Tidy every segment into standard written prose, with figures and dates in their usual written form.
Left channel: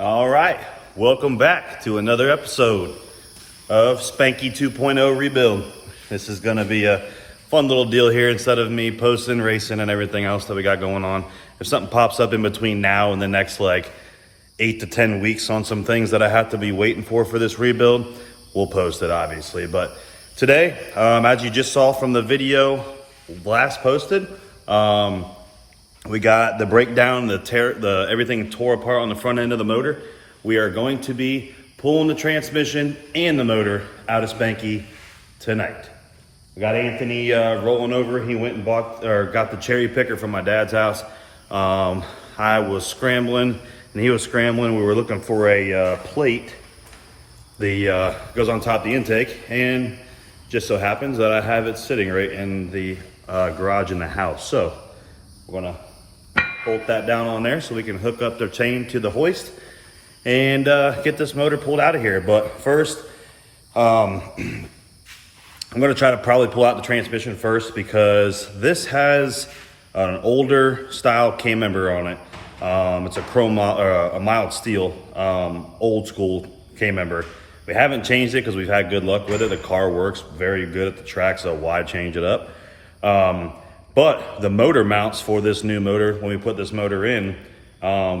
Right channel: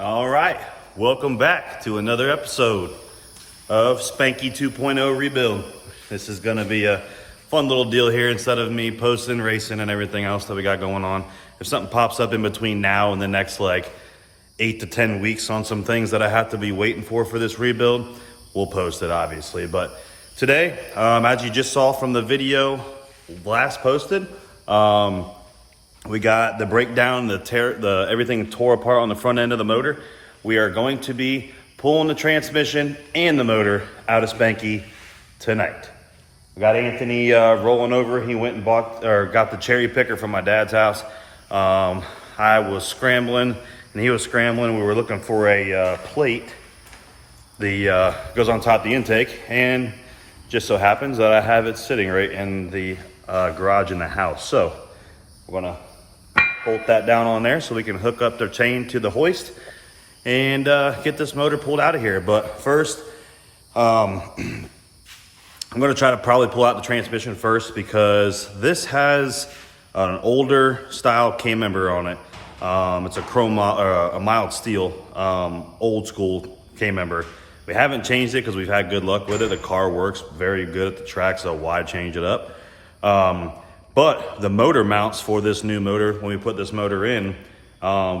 All right, welcome back to another episode of Spanky 2.0 Rebuild. This is gonna be a fun little deal here. Instead of me posting, racing, and everything else that we got going on, if something pops up in between now and the next like 8 to 10 weeks on some things that I have to be waiting for this rebuild, we'll post it obviously. But today, as you just saw from the video last posted, we got the breakdown, everything tore apart on the front end of the motor. We are going to be pulling the transmission and the motor out of Spanky tonight. We got Anthony rolling over. He went and got the cherry picker from my dad's house. I was scrambling and he was scrambling. We were looking for a plate. The goes on top of the intake, and just so happens that I have it sitting right in the garage in the house. So we're gonna bolt that down on there so we can hook up the chain to the hoist and get this motor pulled out of here. But first, I'm gonna try to probably pull out the transmission first, because this has an older style K-member on it. It's a chrome, a mild steel, old school K-member. We haven't changed it because we've had good luck with it. The car works very good at the track, so why change it up? But the motor mounts for this new motor, when we put this motor in,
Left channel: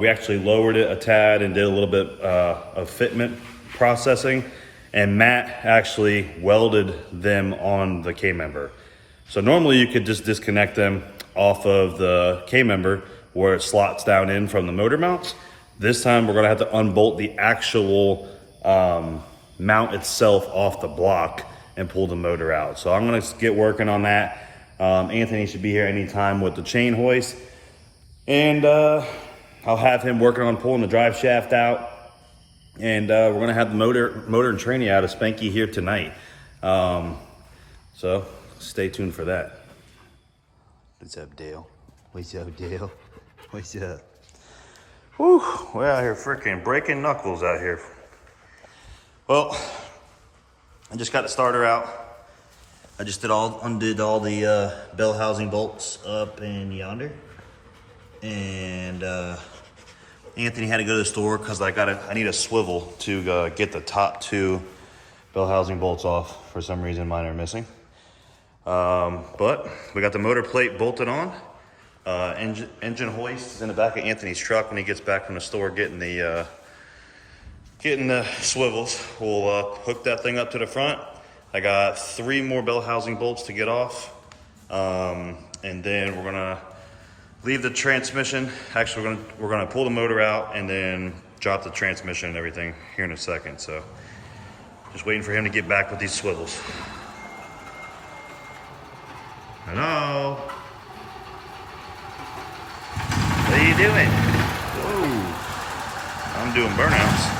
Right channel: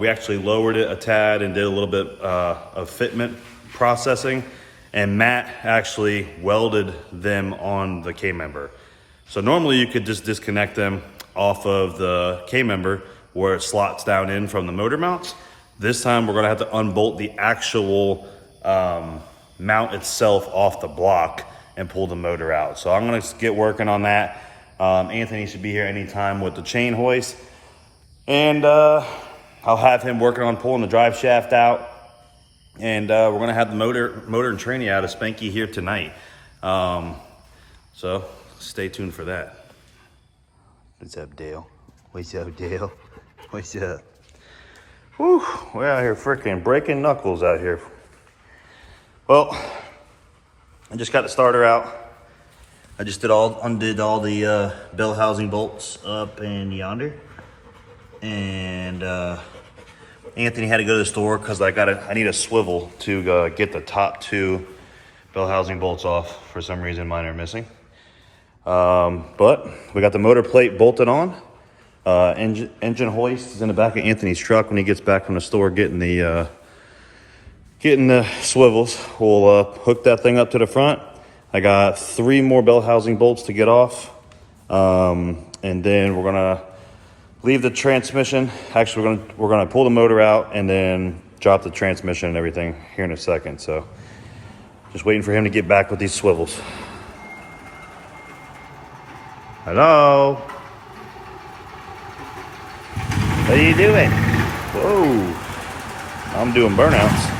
we actually lowered it a tad and did a little bit of fitment processing, and Matt actually welded them on the K-member. So normally you could just disconnect them off of the K-member where it slots down in from the motor mounts. This time we're gonna have to unbolt the actual mount itself off the block and pull the motor out. So I'm gonna get working on that. Anthony should be here anytime with the chain hoist, and I'll have him working on pulling the drive shaft out, and we're gonna have the motor and tranny out of Spanky here tonight. So stay tuned for that. What's up, Dale? What's up, Dale? What's up? Whew, we're out here freaking breaking knuckles out here. Well, I just got the starter out. I just undid all the bell housing bolts up in yonder, and Anthony had to go to the store because I need a swivel to get the top two bell housing bolts off. For some reason, mine are missing. But we got the motor plate bolted on. Engine hoist is in the back of Anthony's truck when he gets back from the store getting the swivels. We'll hook that thing up to the front. I got 3 more bell housing bolts to get off. And then we're gonna leave the transmission. Actually, we're gonna pull the motor out and then drop the transmission and everything here in a second. So just waiting for him to get back with these swivels. Hello? What are you doing? Whoa, I'm doing burnouts.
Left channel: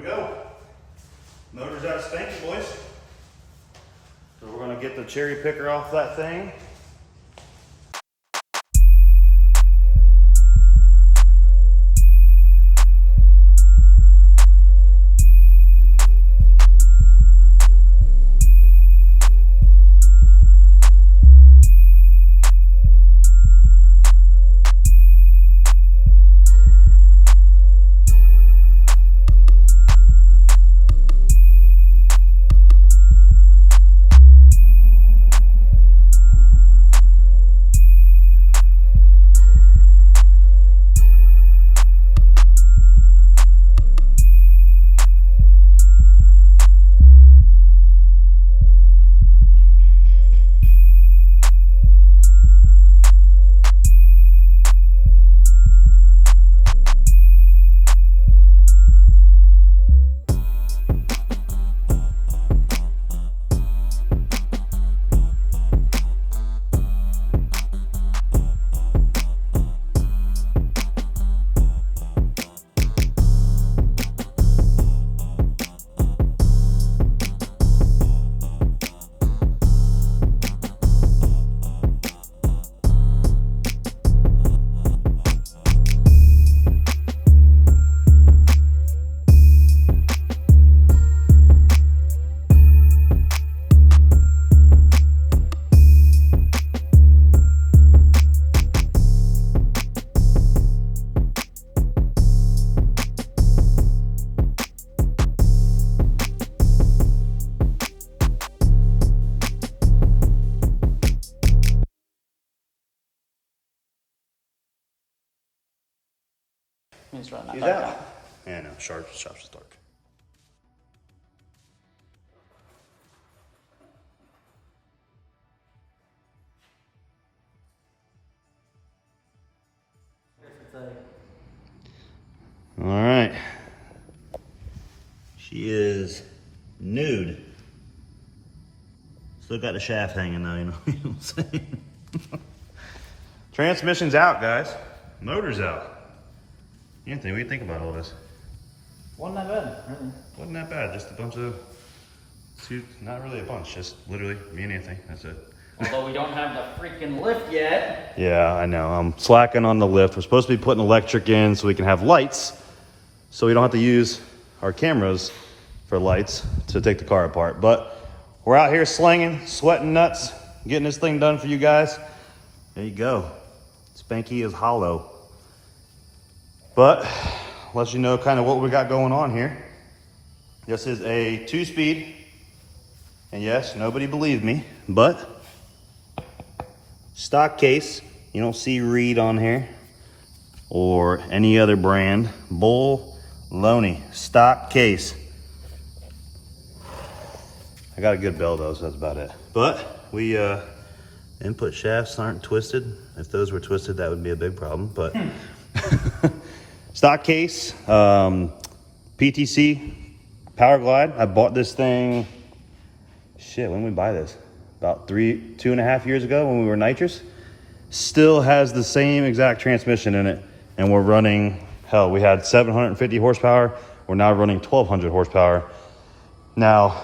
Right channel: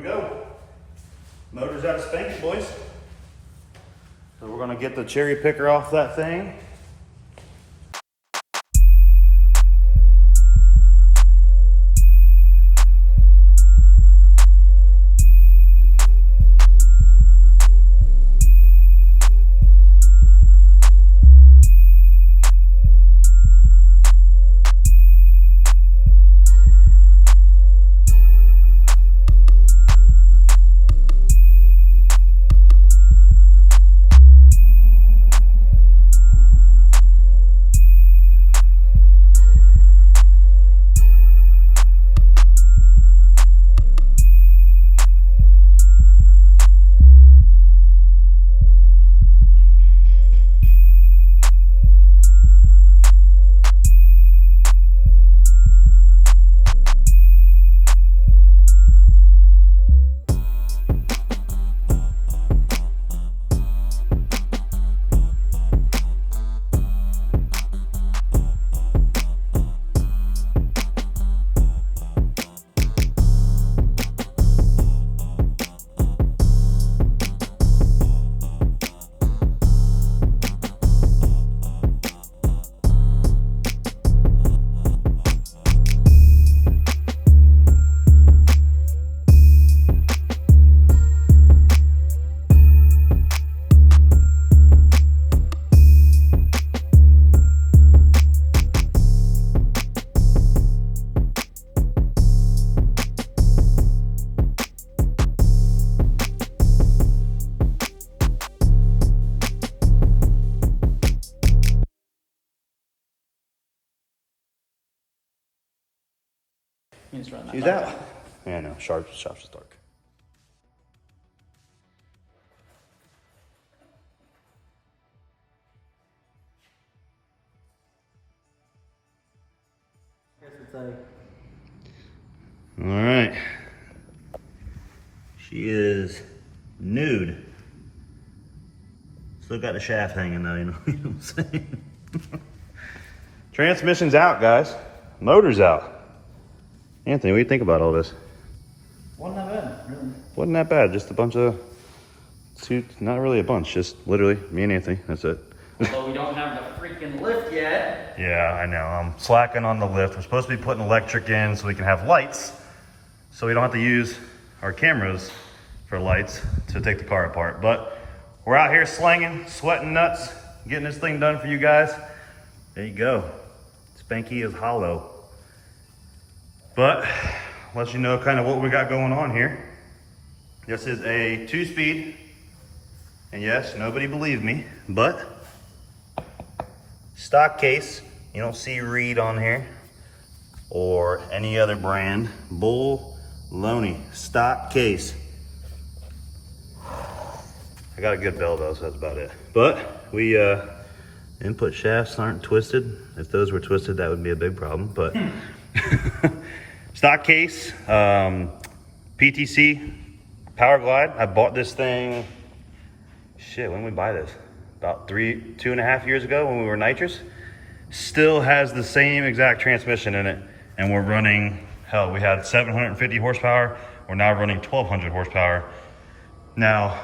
we go. Motor's out of Spanky, boys. So we're gonna get the cherry picker off that thing. He's running He's out. Yeah, no, shop's just dark. All right. She is nude. Still got the shaft hanging though, you know what I'm saying? Transmission's out, guys. Motor's out. Anthony, what do you think about all this? Wasn't that bad, really. Wasn't that bad. Just a bunch of not really a bunch, just literally me and Anthony. That's it. Although we don't have the freaking lift yet. Yeah, I know. I'm slacking on the lift. We're supposed to be putting electric in so we can have lights, so we don't have to use our cameras for lights to take the car apart. But we're out here slinging, sweating nuts, getting this thing done for you guys. There you go. Spanky is hollow. But let you know kind of what we got going on here. This is a 2-speed. And yes, nobody believed me, but stock case. You don't see Reed on here or any other brand. Bull Loney stock case. I got a good bell though, so that's about it. But we input shafts aren't twisted. If those were twisted, that would be a big problem. But stock case, PTC Power Glide. I bought this thing. Shit, when did we buy this? About 2.5 years ago when we were nitrous. Still has the same exact transmission in it, and we're running, hell, we had 750 horsepower. We're now running 1,200 horsepower. Now,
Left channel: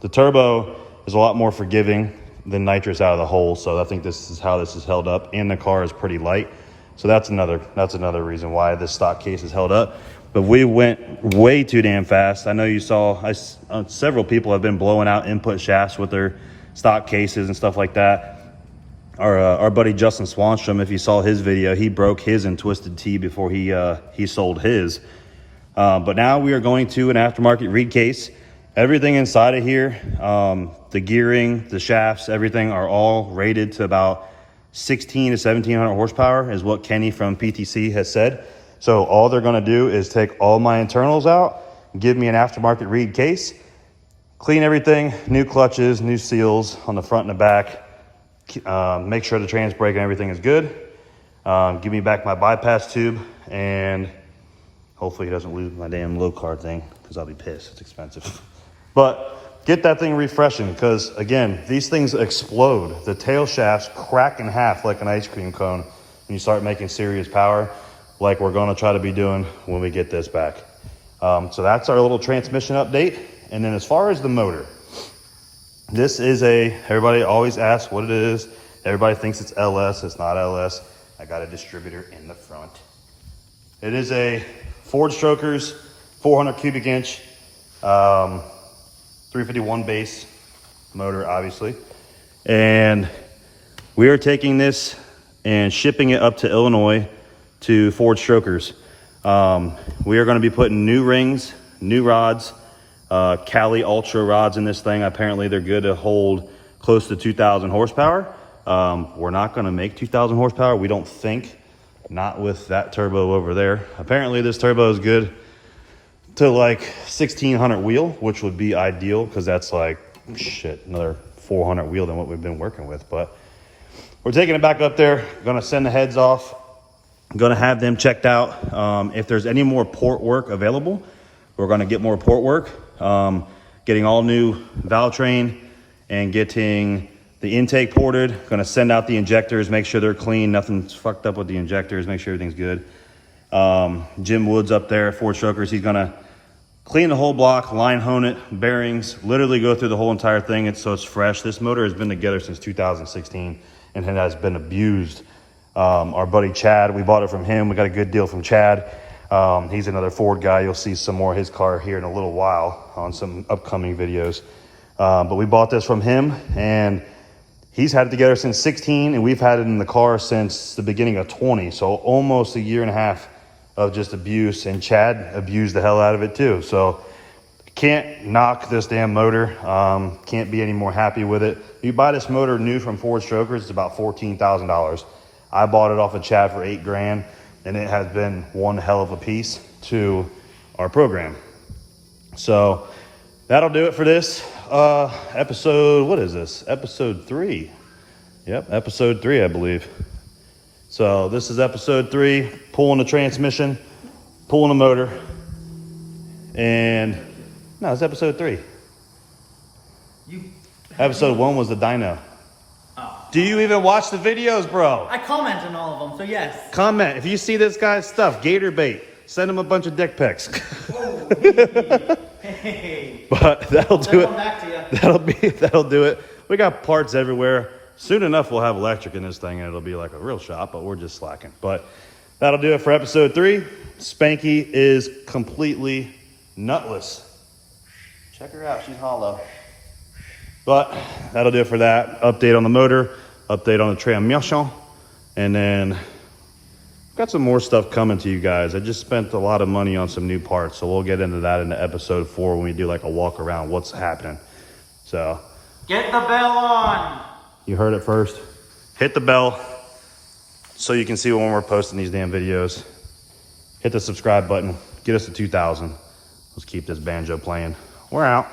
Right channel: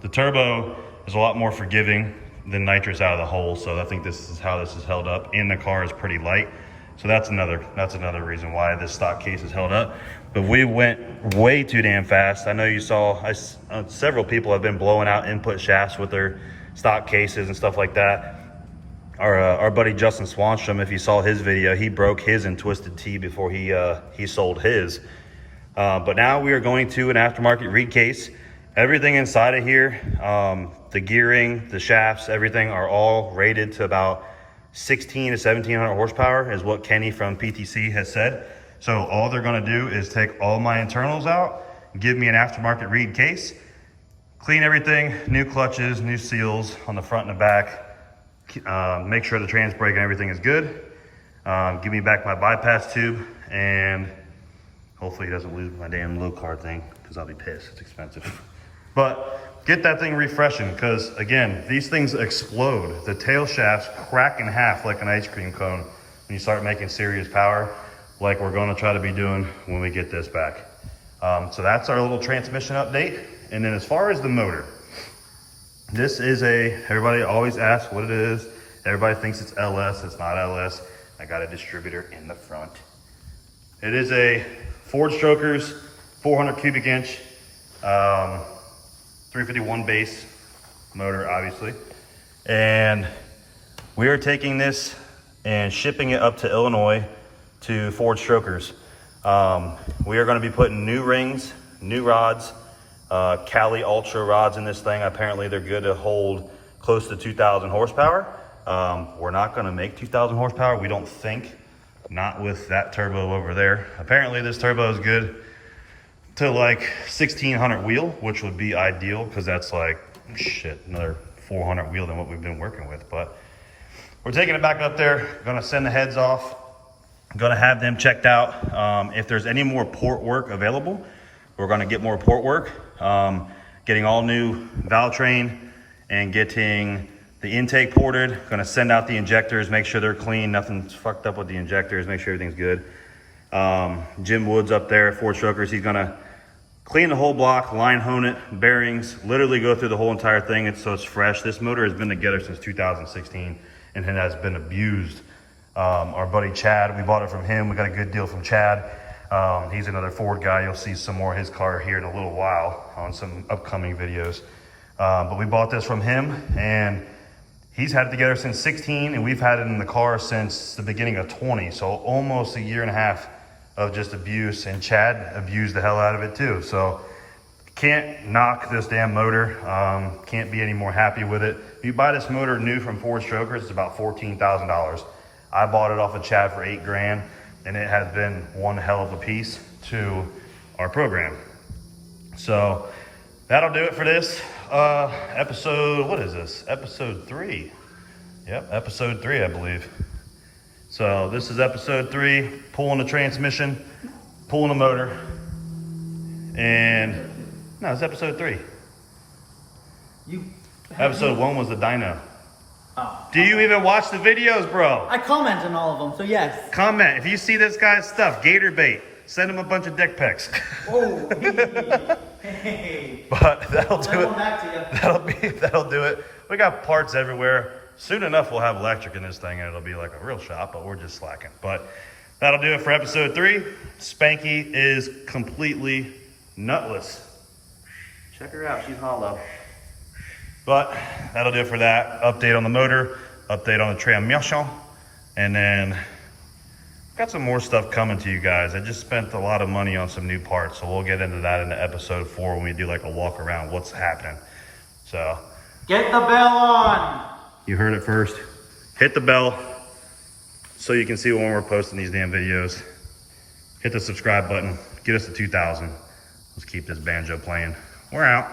the turbo is a lot more forgiving than nitrous out of the hole, so I think this is how this is held up, and the car is pretty light. So that's another reason why this stock case is held up. But we went way too damn fast. I know you saw, several people have been blowing out input shafts with their stock cases and stuff like that. Our buddy Justin Swanstrom, if you saw his video, he broke his in Twisted Tea before he sold his. But now we are going to an aftermarket Reed case. Everything inside of here, the gearing, the shafts, everything are all rated to about 16 to 1700 horsepower is what Kenny from PTC has said. So all they're gonna do is take all my internals out, give me an aftermarket Reed case, clean everything, new clutches, new seals on the front and the back, make sure the trans brake and everything is good, give me back my bypass tube, and hopefully he doesn't lose my damn low card thing, because I'll be pissed, it's expensive. But get that thing refreshing, because again, these things explode. The tail shafts crack in half like an ice cream cone when you start making serious power, like we're gonna try to be doing when we get this back. So that's our little transmission update. And then as far as the motor, this is everybody always asks what it is. Everybody thinks it's LS, it's not LS. I got a distributor in the front. It is a Ford Strokers 400 cubic inch, 351 base motor, obviously. And we are taking this and shipping it up to Illinois to Ford Strokers. We are going to be putting new rings, new rods, Cali Ultra rods in this thing. Apparently they're good to hold close to 2,000 horsepower. We're not going to make 2,000 horsepower, we don't think. Not with that turbo over there. Apparently this turbo is good to like 1,600 wheel, which would be ideal because that's like, shit, another 400 wheel than what we've been working with. But we're taking it back up there, gonna send the heads off, gonna have them checked out. If there's any more port work available, we're gonna get more port work. Getting all new valve train and getting the intake ported. Gonna send out the injectors, make sure they're clean, nothing's fucked up with the injectors, make sure everything's good. Jim Woods up there at Ford Strokers, he's gonna clean the whole block, line hone it, bearings, literally go through the whole entire thing so it's fresh. This motor has been together since 2016 and it has been abused. Our buddy Chad, we bought it from him. We got a good deal from Chad. He's another Ford guy. You'll see some more of his car here in a little while on some upcoming videos. But we bought this from him and he's had it together since 16 and we've had it in the car since the beginning of 20. So almost a year and a half of just abuse, and Chad abused the hell out of it too. So can't knock this damn motor. Can't be any more happy with it. If you buy this motor new from Ford Strokers, it's about $14,000. I bought it off of Chad for $8,000 and it has been one hell of a piece to our program. So that'll do it for this episode. What is this? Episode 3. Yep, episode 3, I believe. So this is episode 3, pulling the transmission, pulling the motor, and no, it's episode 3. Episode 1 was the dyno. Oh. Do you even watch the videos, bro? I comment on all of them, so yes. Comment. If you see this guy's stuff, gator bait, send him a bunch of dick pics. Oh, hey. But that'll do I'll it. back to you. That'll do it. We got parts everywhere. Soon enough, we'll have electric in this thing and it'll be like a real shop, but we're just slacking. But that'll do it for episode 3. Spanky is completely nutless. Check her out, she's hollow. But that'll do it for that. Update on the motor, update on the transmission, and then got some more stuff coming to you guys. I just spent a lot of money on some new parts, so we'll get into that in episode 4 when we do like a walk around what's happening. So Get the bell on. you heard it first. Hit the bell so you can see when we're posting these damn videos. Hit the subscribe button. Get us to 2,000. Let's keep this banjo playing. We're out.